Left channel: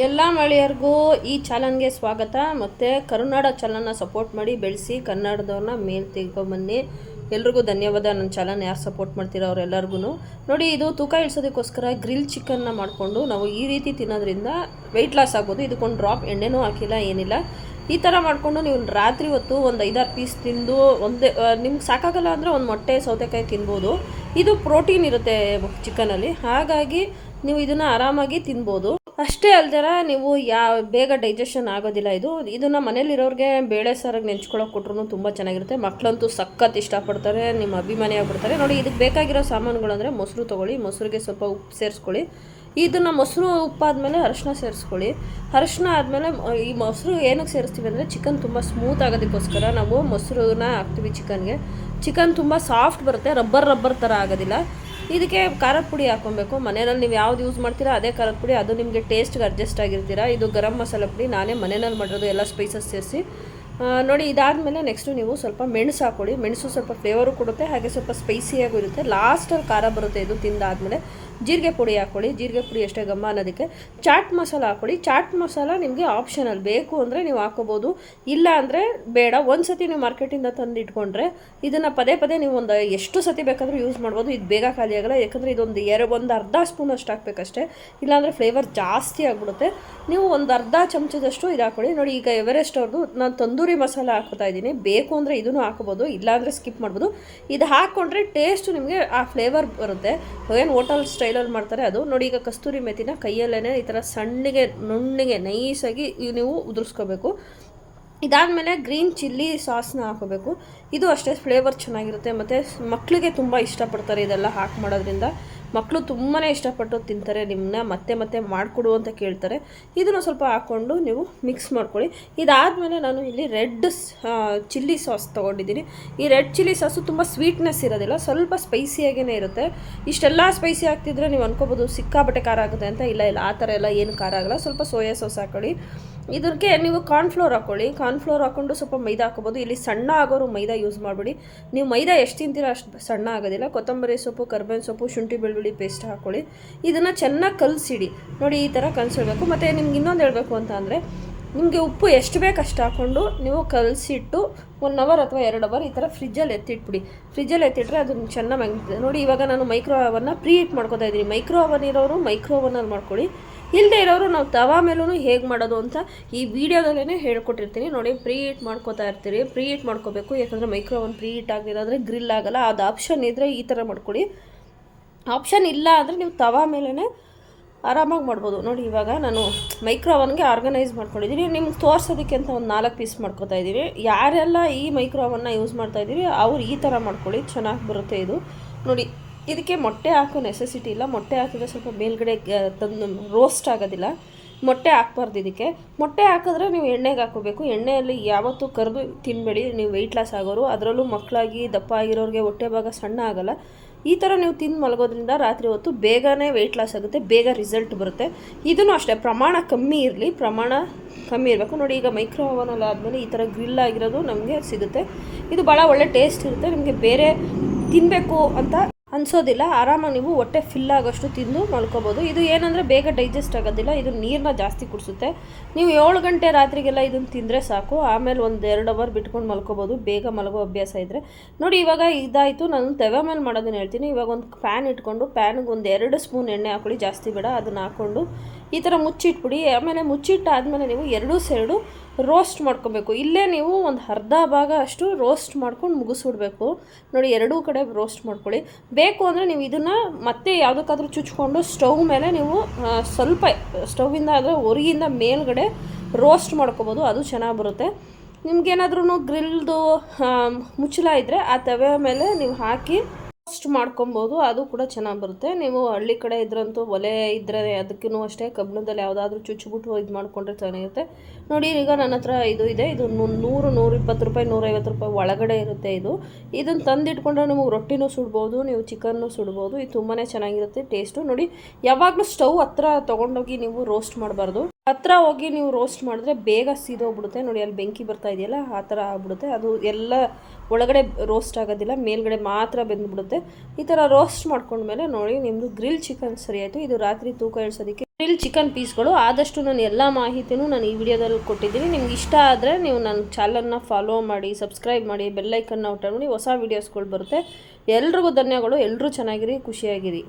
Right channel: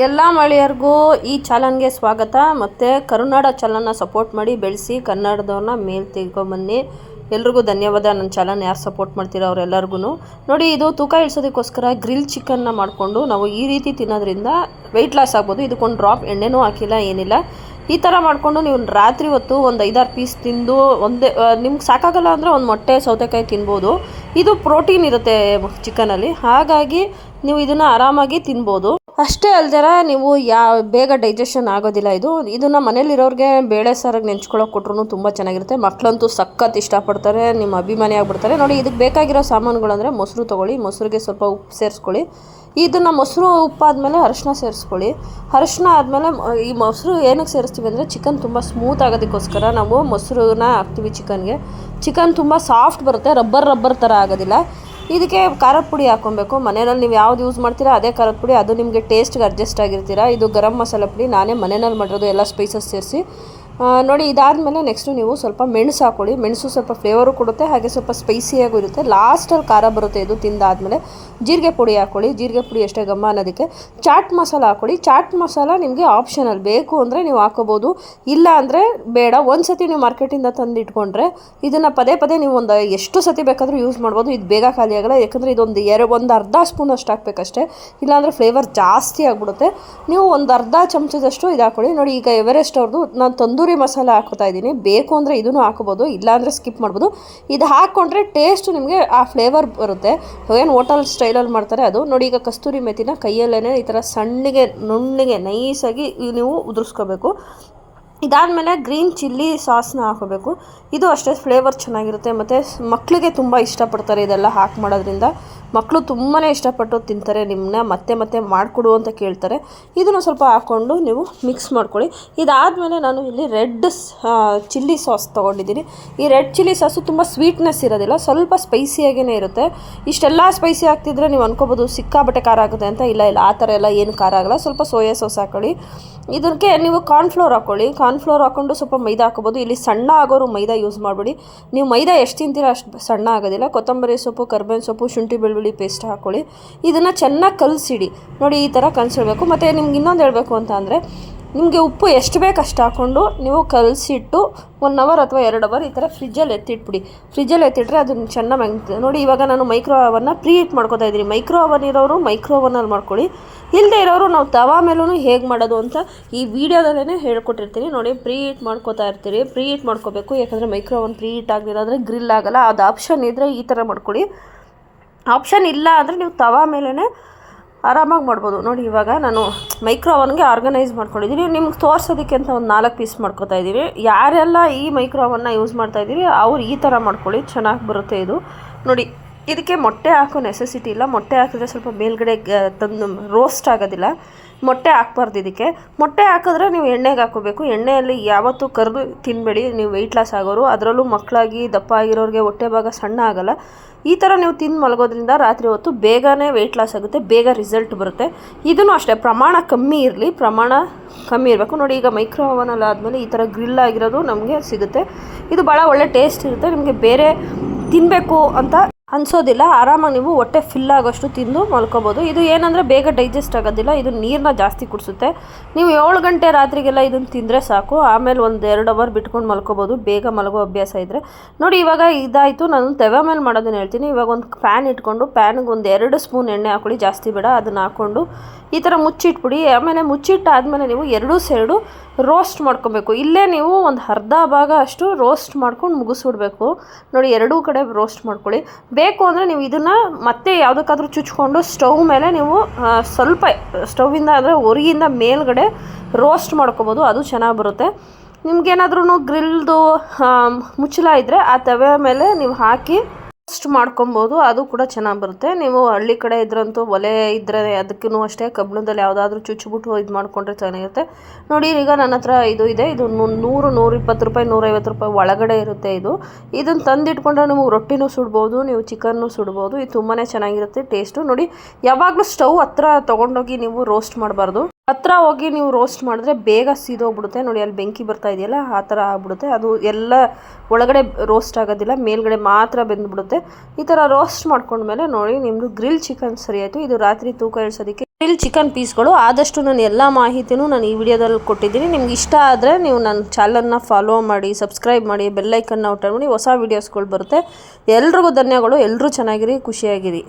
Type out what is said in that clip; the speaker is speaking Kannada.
ಎಲ್ಲ ಮಹಿಳೆಯರಿಗೂ ಈ ಚಾನಲ್ಗೆ ಸ್ವಾಗತ. ಮತ್ತು ಕರುನಾಡ ಚಾನಲ್ನ ಸಪೋರ್ಟ್ ಮಾಡಿ ಬೆಳೆಸಿ ಕನ್ನಡದವ್ರನ್ನ ಮೇಲೆ ತೆಗೆದುಕೊಂಬನ್ನಿ. ಎಲ್ರಿಗೂ ಧನ್ಯವಾದ. ನನ್ನ ಚಾನಲ್ ಯಾರು ಸಪೋರ್ಟ್ ಮಾಡ್ತೀರೋ ಅವರೆಲ್ಲರಿಗೂ ನೋಡಿ, ಇದು ತೂಕ ಇಳಿಸೋದಕ್ಕೋಸ್ಕರ ಗ್ರಿಲ್ ಚಿಕನ್ನ ಮಾಡಿಕೊಂಡು ನಾವು ಈ ರೀತಿ ತಿನ್ನೋದ್ರಿಂದ ವೆಯ್ಟ್ ಲಾಸ್ ಆಗ್ಬೋದು. ಇದಕ್ಕೊಂದು ಡ್ರಾಪ್ ಎಣ್ಣೆನೂ ಹಾಕಿಲ್ಲ, ಏನಿಲ್ಲ. ಈ ಥರ ಮಾಡಿಕೊಂಡು ನೀವು ರಾತ್ರಿ ಹೊತ್ತು ಒಂದು 5-6 ಪೀಸ್ ತಿಂದು ಒಂದೇ ನಿಮ್ಗೆ ಸಾಕಾಗಲ್ಲ ಅಂದರೆ ಒಂದು ಮೊಟ್ಟೆ ಸೌತೆಕಾಯಿ ತಿನ್ಬೋದು. ಇದು ಪ್ರೋಟೀನ್ ಇರುತ್ತೆ ಚಿಕನಲ್ಲಿ, ಹಾಗಾಗಿ ನೀವು ಇದನ್ನು ಆರಾಮಾಗಿ ತಿನ್ಬೋದು. ಅಷ್ಟೇ ಅಲ್ದರ ನೀವು ಬೇಗ ಡೈಜೆಷನ್ ಆಗೋದಿಲ್ಲ. ಇದನ್ನು ಮನೇಲಿರೋರಿಗೆ ಬೇಳೆ ಸಾರಿಗೆ ನೆಂಚ್ಕೊಳ್ಳೋಕೆ ಕೊಟ್ರು ತುಂಬ ಚೆನ್ನಾಗಿರುತ್ತೆ. ಮಕ್ಕಳಂತೂ ಸಖತ್ ಇಷ್ಟಪಡ್ತಾರೆ, ನಿಮ್ಮ ಅಭಿಮಾನಿ ಆಗಿಬಿಡ್ತಾರೆ. ನೋಡಿ, ಇದಕ್ಕೆ ಬೇಕಾಗಿರೋ ಸಾಮಾನುಗಳು ಅಂದರೆ ಮೊಸರು ತೊಗೊಳ್ಳಿ, ಮೊಸರಿಗೆ ಸ್ವಲ್ಪ ಉಪ್ಪು ಸೇರಿಸ್ಕೊಳ್ಳಿ. ಇದನ್ನು ಮೊಸರು ಉಪ್ಪಾದಮೇಲೆ ಅರಿಶಿನ ಸೇರಿಸ್ಕೊಳ್ಳಿ. ಅರಿಶಿನ ಆದಮೇಲೆ ಈ ಮೊಸರು ಏನಕ್ಕೆ ಸೇರಿಸ್ತೀವಿ ಅಂದರೆ ಚಿಕನ್ ತುಂಬ ಸ್ಮೂತ್ ಆಗೋದಕ್ಕೋಸ್ಕರ ನಾವು ಮೊಸರನ್ನ ಹಾಕ್ತೀವಿ ಚಿಕನ್ಗೆ. ಚಿಕನ್ ತುಂಬ ಸಾಫ್ಟ್ ಬರುತ್ತೆ, ರಬ್ಬರ್ ಥರ ಆಗೋದಿಲ್ಲ. ಇದಕ್ಕೆ ಖಾರದ ಪುಡಿ ಹಾಕ್ಕೊಬೇಕು. ಮನೆಯಲ್ಲಿ ನೀವು ಯಾವ್ದು ಯೂಸ್ ಮಾಡ್ತೀರಾ ಅದೇ ಖಾರದ ಪುಡಿ, ಅದು ನಿಮಗೆ ಟೇಸ್ಟ್ಗೆ ಅಡ್ಜಸ್ಟ್ ಆಗಿರ್ತೀರಾ. ಇದು ಗರಂ ಮಸಾಲ ಪುಡಿ, ನಾನೇ ಮನೆಯಲ್ಲಿ ಮಾಡಿರೋದು, ಎಲ್ಲ ಸ್ಪೈಸಸ್ ಸೇರಿಸಿ. ನೋಡಿ, ಇದಾದಮೇಲೆ ನೆಕ್ಸ್ಟು ನೀವು ಸ್ವಲ್ಪ ಮೆಣಸು ಹಾಕ್ಕೊಳ್ಳಿ. ಮೆಣಸು ಸ್ವಲ್ಪ ಫ್ಲೇವರು ಕೊಡುತ್ತೆ, ಹಾಗೆ ಸ್ವಲ್ಪ ಸ್ಪೈಸಿಯಾಗೂ ಇರುತ್ತೆ. ಲಾಸ್ಟಲ್ಲಿ ಖಾರ ಬರುತ್ತೆ. ಇದು ತಿಂದಾದಮೇಲೆ ಜೀರಿಗೆ ಪುಡಿ ಹಾಕ್ಕೊಳ್ಳಿ. ಜೀರಿಗೆ ಪುಡಿ ಎಷ್ಟೇ ಘಮ ಅನ್ನೋದಕ್ಕೆ. ಚಾಟ್ ಮಸಾಲ ಹಾಕ್ಕೊಳ್ಳಿ. ಚಾಟ್ ಮಸಾಲ ನಿಮಗೆ ಆಪ್ಷನಲ್, ಬೇಕು ಅಂದರೆ ನೀವು ಹಾಕೋಬೋದು, ಇಲ್ಲ ಅಂದರೆ ಬೇಡ. ಒಂದು ಸತಿ ನೀವು ಮಾರ್ಕೆಟಿಂದ ತಂದು ಇಟ್ಕೊಂಡ್ರೆ ಇದನ್ನು ಪದೇ ಪದೇ ನೀವು ಎಷ್ಟು ಸತಿ ಬೇಕಾದರೂ ಯೂಸ್ ಮಾಡ್ಬೋದು. ಇದು ಬೇಗ ಖಾಲಿ ಆಗೋಲ್ಲ, ಯಾಕಂದರೆ ಒಂದು ಅರ್ಧ ಸ್ಪೂನ್ ಅಷ್ಟು ಹಾಕಬೇಕಷ್ಟೇ, ಇಲ್ಲಾಂದರೆ ಫ್ಲೇವರ್ ಜಾಸ್ತಿ ಆಗಿಬಿಡುತ್ತೆ. ನೀವು ಒಂದು ಅರ್ಧ ಚಮಚದಷ್ಟು ಇದು ಹಾಕ್ಕೊಳ್ಳಿ. ನೋಡಿ, ಈಗ ಎವರೆಸ್ಟ್ ಅವ್ರದ್ದು ನಾನು ತಂದೂರಿ ಮಸಾಲ ಹಾಕ್ತಾ ಇದ್ದೀನಿ. ಬೇಕು ಅಂದರೆ ಇದನ್ನು ಹಾಕೋಬೋದು, ಇಲ್ಲಾಂದರೆ ಸ್ಕಿಪ್ ಮಾಡ್ಬೋದು. ಇದು ಹಾಕ್ಕೊಂಡ್ರೆ ಟೇಸ್ಟ್ ನಿಮಗೆ ಆ ಫ್ಲೇವರ್ ಬರುತ್ತೆ. ಏನು ಹೋಟೆಲ್ ಸ್ಟೈಲಲ್ಲಿ ಮಾಡ್ತಾರೆ ಅದು. ನೋಡಿ, ಈಗ ಕಸ್ತೂರಿ ಮೆಥಿನ ಕೈಯಲ್ಲೇ ಈ ಥರ ಸಣ್ಣಗೆ ನುಣ್ಣಗೆ ನೈಸಾಗಿ ನೀವು ಉದುರಿಸ್ಕೋಬೇಕು. ಇದಾದಮೇಲೆ ಗ್ರೀನ್ ಚಿಲ್ಲಿ ಸಾಸ್ನ ಹಾಕೋಬೇಕು. ಇದು ಅಷ್ಟೇ ಫ್ಲೇವರ್ ಚೆನ್ನಾಗಿರುತ್ತೆ, ಮತ್ತು ಮಕ್ಕಳಿಗೆ ತುಂಬ ಇಷ್ಟಪಡ್ತಾರೆ ಇದೆಲ್ಲ ಹಾಕಿ ಮಾಡೋದ್ರಿಂದ. ಮಕ್ಕಳು ತುಂಬಾ ಇಷ್ಟಪಟ್ಟು ತಿಂತಾರೆ, ನಿಮ್ಮನ್ನ ಮತ್ತೆ ಮತ್ತೆ ಮಾಡಿಕೊಡು ಅಂತ ಕೇಳ್ತಾರೆ. ಇದನ್ನು ಸ್ವಲ್ಪ ಹಾಕ್ಕೊಂಡು ನೀವು ಮಿಕ್ಸ್ ಮಾಡ್ಕೊಳ್ಳಿ. ಇದಾದಮೇಲೆ ನಾನು ಇಲ್ಲಿ ರೆಡ್ ಚಿಲ್ಲಿ ಸಾಸ್ ತೊಗೊಂಡಿದ್ದೀನಿ. ಈ ರೆಡ್ ಚಿಲ್ಲಿ ಸಾಸು ತುಂಬ ಸ್ವೀಟ್ನೆಸ್ ಇರೋದಿಲ್ಲ, ಸ್ವಲ್ಪ ಸ್ಪೈಸಿಯಾಗೇ ಇರುತ್ತೆ. ಇಷ್ಟೆಲ್ಲ ಸ್ಪೈಸಿ ಆಗ್ತಿದ್ರೆ ನೀವು ಅನ್ಕೋಬೋದು ಸಿಕ್ಕಾಬಟ್ಟೆ ಖಾರ ಆಗುತ್ತೆ ಅಂತ. ಇಲ್ಲ, ಆ ಥರ ಎಲ್ಲ ಏನು ಖಾರ ಆಗೋಲ್ಲ. ಸ್ವಲ್ಪ ಸೋಯಾ ಸಾಸ್ ಹಾಕೊಳ್ಳಿ. ಇದಕ್ಕೆ ನೀವು ಕಾರ್ನ್ಫ್ಲೋರ್ ಹಾಕ್ಕೊಳ್ಳಿ. ಕಾರ್ನ್ಫ್ಲೋರ್ ಹಾಕ್ಕೊಂಡು ಸ್ವಲ್ಪ ಮೈದಾ ಹಾಕೋಬೋದು. ಇಲ್ಲಿ ಸಣ್ಣ ಆಗೋರು ಮೈದಾ ಯೂಸ್ ಮಾಡಬೇಡಿ. ನೀವು ಮೈದಾ ಎಷ್ಟು ತಿಂತೀರೋ ಅಷ್ಟು ಸಣ್ಣ ಆಗೋದಿಲ್ಲ. ಕೊತ್ತಂಬರಿ ಸೊಪ್ಪು, ಕರ್ಬೇವಿನ ಸೊಪ್ಪು, ಶುಂಠಿ ಬೆಳ್ಳುಳ್ಳಿ ಪೇಸ್ಟ್ ಹಾಕ್ಕೊಳ್ಳಿ. ಇದನ್ನು ಚೆನ್ನಾಗಿ ಕಲಸಿಡಿ. ನೋಡಿ, ಈ ಥರ ಕಲಸಿಡಬೇಕು. ಮತ್ತು ನಿಮ್ಗೆ ಇನ್ನೊಂದು ಹೇಳಬೇಕು ಅಂತ ಅಂದರೆ, ನಿಮಗೆ ಉಪ್ಪು ಎಷ್ಟು ಬೇಕು ಅಷ್ಟು ಹಾಕ್ಕೊಂಡು ನೀವು ಕಲಸಿಟ್ಟು 1 ಅವರ್ ಅಥವಾ 2 ಅವರ್ ಈ ಥರ ಫ್ರಿಜ್ಜಲ್ಲಿ ಎತ್ತಿಟ್ಬಿಡಿ. ಫ್ರಿಜ್ಜಲ್ಲಿ ಎತ್ತಿಟ್ರೆ ಅದನ್ನು ಚೆನ್ನಾಗಿ ಆಗ್ತದೆ. ನೋಡಿ, ಇವಾಗ ನಾನು ಮೈಕ್ರೋ ಓವನ್ನ ಪ್ರೀ ಹೀಟ್ ಮಾಡ್ಕೊತಾ ಇದ್ದೀನಿ. ಮೈಕ್ರೋ ಓವನ್ ಇರೋರು ಮೈಕ್ರೋ ಓವನಲ್ಲಿ ಮಾಡ್ಕೊಳ್ಳಿ, ಇಲ್ಲದೆ ಇರೋರು ನಾವು ತವಾ ಮೇಲೂ ಹೇಗೆ ಮಾಡೋದು ಅಂತ ಈ ವಿಡಿಯೋದಲ್ಲೇ ಹೇಳ್ಕೊಟ್ಟಿರ್ತೀನಿ. ನೋಡಿ, ಪ್ರೀ ಹೀಟ್ ಮಾಡ್ಕೋತಾ ಇರ್ತೀರಿ. ಪ್ರೀ ಹೀಟ್ ಮಾಡ್ಕೋಬೇಕು, ಯಾಕಂದರೆ ಮೈಕ್ರೋ ಓವನ್ ಪ್ರೀ ಹೀಟ್ ಆಗದಿರೋದ್ರೆ ಗ್ರಿಲ್ ಆಗೋಲ್ಲ. ಅದು ಆಪ್ಷನ್ ಇದ್ದರೆ ಈ ಥರ ಮಾಡ್ಕೊಳ್ಳಿ. ಆಪ್ಷನ್ ಇಲ್ಲ ಅಂದರೆ ನೀವು ತವಾ ಮೇಲೇ ಆರಾಮಾಗಿ ಮಾಡ್ಬೋದು. ನೋಡಿ, ಇವಾಗ ನಾನು ಮೈಕ್ರೋ ಓವನ್ಗೆ ಆರ್ಗನೈಸ್ ಮಾಡ್ಕೊಂಡಿದ್ದೀನಿ. ನಿಮ್ಗೆ ತೋರಿಸೋದಕ್ಕೆ ಅಂತ ಒಂದು 4 ಪೀಸ್ ಮಾಡ್ಕೊತಾ ಇದ್ದೀವಿ. ಯಾರೆಲ್ಲ ಈ ಮೈಕ್ರೋ ಓವನ್ನ ಯೂಸ್ ಮಾಡ್ತಾಯಿದ್ದೀರಿ ಅವ್ರು ಈ ಥರ ಮಾಡ್ಕೊಳ್ಳಿ, ಚೆನ್ನಾಗಿ ಬರುತ್ತೆ ಇದು. ನೋಡಿ, ಇದಕ್ಕೆ ಮೊಟ್ಟೆ ಹಾಕೋ ನೆಸೆಸಿಟಿ ಇಲ್ಲ. ಮೊಟ್ಟೆ ಹಾಕಿದ್ರೆ ಸ್ವಲ್ಪ ಮೇಲ್ಗಡೆ ತಂದು ರೋಸ್ಟ್ ಆಗೋದಿಲ್ಲ. ಮೊಟ್ಟೆ ಹಾಕ್ಬಾರ್ದು ಇದಕ್ಕೆ. ಮೊಟ್ಟೆ ಹಾಕಿದ್ರೆ ನೀವು ಎಣ್ಣೆಗೆ ಹಾಕೋಬೇಕು. ಎಣ್ಣೆಯಲ್ಲಿ ಯಾವತ್ತೂ ಕರೆದು ತಿನ್ನಬೇಡಿ, ನೀವು ವೆಯ್ಟ್ ಲಾಸ್ ಆಗೋರು. ಅದರಲ್ಲೂ ಮಕ್ಕಳಾಗಿ ದಪ್ಪ ಆಗಿರೋರಿಗೆ ಹೊಟ್ಟೆ ಭಾಗ ಸಣ್ಣ ಆಗೋಲ್ಲ. ಈ ಥರ ನೀವು ತಿಂದು ಮಲಗೋದ್ರಿಂದ ರಾತ್ರಿ ಹೊತ್ತು ಬೇಗನೆ ವೆಯ್ಟ್ ಲಾಸ್ ಆಗುತ್ತೆ, ಬೇಗ ರಿಸಲ್ಟ್ ಬರುತ್ತೆ. ಇದನ್ನು ಅಷ್ಟೇ ಪ್ರಮಾಣ ಕಮ್ಮಿ ಇರಬೇಕು. ನೋಡಿ, ಈಗ ಮೈಕ್ರೋ ಓವನಲ್ಲಿ ಆದಮೇಲೆ ಈ ಥರ ಗ್ರಿಲ್ ಆಗಿರೋದು ನಮಗೆ ಸಿಗುತ್ತೆ. ಇದು ಭಾಳ ಒಳ್ಳೆ ಟೇಸ್ಟ್ ಇರುತ್ತೆ. ನಿಮಗೆ ಬೇರೆ ತಿನ್ನಬೇಕು ಅಂತ ಅನಿಸೋದಿಲ್ಲ. ಆರಾಮಾಗಿ ನೀವು ಹೊಟ್ಟೆ ಫಿಲ್ ಆಗೋಷ್ಟು ತಿಂದು ಮಲ್ಕೋಬೋದು. ಇದು ಏನಂದರೆ ಬೇಗ ಡೈಜೆಸ್ಟ್ ಆಗೋದಿಲ್ಲ. ಇದು ನೀರನ್ನ ಜಾಸ್ತಿ ಕುಡಿಸುತ್ತೆ. ನೀವು 7 ಗಂಟೆ ರಾತ್ರಿಗೆಲ್ಲ ಇದನ್ನು ತಿಂದರೆ ಸಾಕು. ಆಮೇಲೆ 1-2 ಅವರ್ ಬಿಟ್ಕೊಂಡು ಮಲ್ಕೋಬೋದು, ಬೇಗ ಮಲಗೋ ಅಭ್ಯಾಸ ಇದ್ದರೆ. ನೋಡಿ, ಇವಾಗ ಇದಾಯಿತು. ನಾನು ತವೆ ಮೇಲೆ ಮಾಡೋದನ್ನು ಹೇಳ್ತೀನಿ. ಇವಾಗ ಒಂದು ಪ್ಯಾನ್ ಇಟ್ಕೊಂಡು ಪ್ಯಾನಿಗೆ 1-2 ಸ್ಪೂನ್ ಎಣ್ಣೆ ಹಾಕ್ಕೊಳ್ಳಿ, ಜಾಸ್ತಿ ಬೇಡ. ಅದನ್ನು ಹಾಕ್ಕೊಂಡು ಈ ಥರ ಮುಚ್ಚಿಟ್ಬಿಡಿ. ಆಮೇಲೆ ಮುಚ್ಚಿಟ್ಟಾದಮೇಲೆ ನೀವು 2 ಸೈಡು ರೋಸ್ಟ್ ಮಾಡ್ಕೊಬೇಕು. ಇಲ್ಲೇ ನೀವು ಒಂದು ಅರ್ಧ ಭಾಗ ಅಷ್ಟು ರೋಸ್ಟ್ ಮಾಡ್ಕೊಂಡು ಮುಗಿಸ್ಬಿಡ್ಬೇಕು. ನೋಡಿ, 2 ಕಡೆ ರೋಸ್ಟ್ ಮಾಡ್ಕೊಳ್ಳಿ. ಬೇಕು ಅಂದರೆ ನೀವು ಇದನ್ನು ಮತ್ತೆ ಯಾವುದಕ್ಕಾದ್ರೂ ಚುಚ್ಕೊಂಡು ಸ್ಟವ್ ಮೇಲೆ ನೀವು ಸ್ವಲ್ಪ ಸ್ಟವ್ವಿಂದ ಅಂದರೆ ಹೊರಗಿಂದ ಮೇಲ್ಗಡೆ ರೋಸ್ಟ್ ಮಾಡ್ಕೊಬೋದು, ಅದು ಚೆನ್ನಾಗಿ ಬರುತ್ತೆ. ನಿಮ್ಗೇನಾದ್ರೂ ಗ್ರಿಲ್ದು ಮುಚ್ಚಳ ಇದ್ದರೆ ಆ ತವೆ ಮೇಲೆ ನೀವು ಹಾಕಿ ರೋಸ್ಟ್ ಮಾಡ್ಕೊಬೋದು, ಅದು ಕೂಡ ಚೆನ್ನಾಗಿ ಬರುತ್ತೆ. ನೀವು ಹಳ್ಳಿ ಕಡೆ ಇದ್ರಂತೂ ಒಲೆ ಇದ್ದರೆ ಅದಕ್ಕೂ ಅಷ್ಟೇ ಕಬ್ಬಿಣದಲ್ಲಿ ಯಾವುದಾದ್ರೂ ಚುಚ್ಚಿಬಿಟ್ಟು ಇದು ಮಾಡಿಕೊಂಡ್ರೆ ಚೆನ್ನಾಗಿರುತ್ತೆ. ನೋಡಿ, ಈಗ ನನ್ನ ಹತ್ರ ಇದು ಇದೆ. ಇದು 100-120 ರೂಪಾಯಿ, 150 ರೂಪಾಯಿ ಒಳಗಡೆ ಇರುತ್ತೆ. ಇದನ್ನು ತಂದಿಟ್ಕೊಂಡ್ರೆ ನೀವು ರೊಟ್ಟಿನೂ ಸುಡ್ಬೋದು, ನೀವು ಚಿಕನ್ನು ಸುಡ್ಬೋದು. ಇದು ತುಂಬಾ ಚೆನ್ನಾಗಿರುತ್ತೆ ಟೇಸ್ಟು. ನೋಡಿ, ಯಾವಾಗಲೂ ಸ್ಟವ್ ಹತ್ರ ತೊಗೊಂಡೋಗಿ ನೀವು ರೋಸ್ಟ್ ಮಾಡಬಾರ್ದು. ಹತ್ರ ಹೋಗಿ ನೀವು ರೋಸ್ಟ್ ಮಾಡಿದ್ರೆ ಬೇಗ ಸೀದೋಗ್ಬಿಡುತ್ತೆ. ನೋಡಿ ಅಲ್ಲಿ ಬೆಂಕಿ ಬರ್ತಾ ಇದೆಯಲ್ಲ, ಆ ಥರ ಆಗ್ಬಿಡುತ್ತೆ. ಅದು ಎಲ್ಲ ಒಳಗಡೆ ರೋಸ್ಟ್ ಆಗೋದಿಲ್ಲ, ಮೇಲ್ಗಡೆ ಮಾತ್ರ ಬೆಂದ್ಬಿಡುತ್ತೆ. ಈ ಥರ ರೋಸ್ಟ್ ಮಾಡ್ಕೊಂಡ್ಮೇಲೆ ನೋಡಿ ನಿಮ್ಮದು ಗ್ರಿಲ್ ಚಿಕನ್ ಸರಿ ಆಯಿತು. ಇದು ರಾತ್ರಿ ತೂಕ ಇಳಿಸೋದಕ್ಕೆ ಗ್ರಿಲ್ ಚಿಕನ್ ಪೀಸ್ಗಳು. ಆದಷ್ಟು ನಾನು ಎಲ್ಲ ಮಾಹಿತಿನೂ ನಾನು ಈ ವಿಡಿಯೋದಲ್ಲಿ ಕೊಟ್ಟಿದ್ದೀನಿ. ನಿಮ್ಗೆ ಇಷ್ಟ ಆದರೆ ನೀವು ನನ್ನ ಚಾನಲ್ನ ಫಾಲೋ ಮಾಡಿ, ಸಬ್ಸ್ಕ್ರೈಬ್ ಮಾಡಿ, ಬೆಲ್ಲೈಕನ್ನ ಔಟ್ ಮಾಡಿ, ಹೊಸ ವೀಡಿಯೋಸ್ಗಳು ಬರುತ್ತೆ. ಎಲ್ರಿಗೂ ಧನ್ಯವಾದಗಳು. ಎಲ್ಲರೂ ಚೆನ್ನಾಗಿರಿ, ಖುಷಿಯಾಗಿರಿ.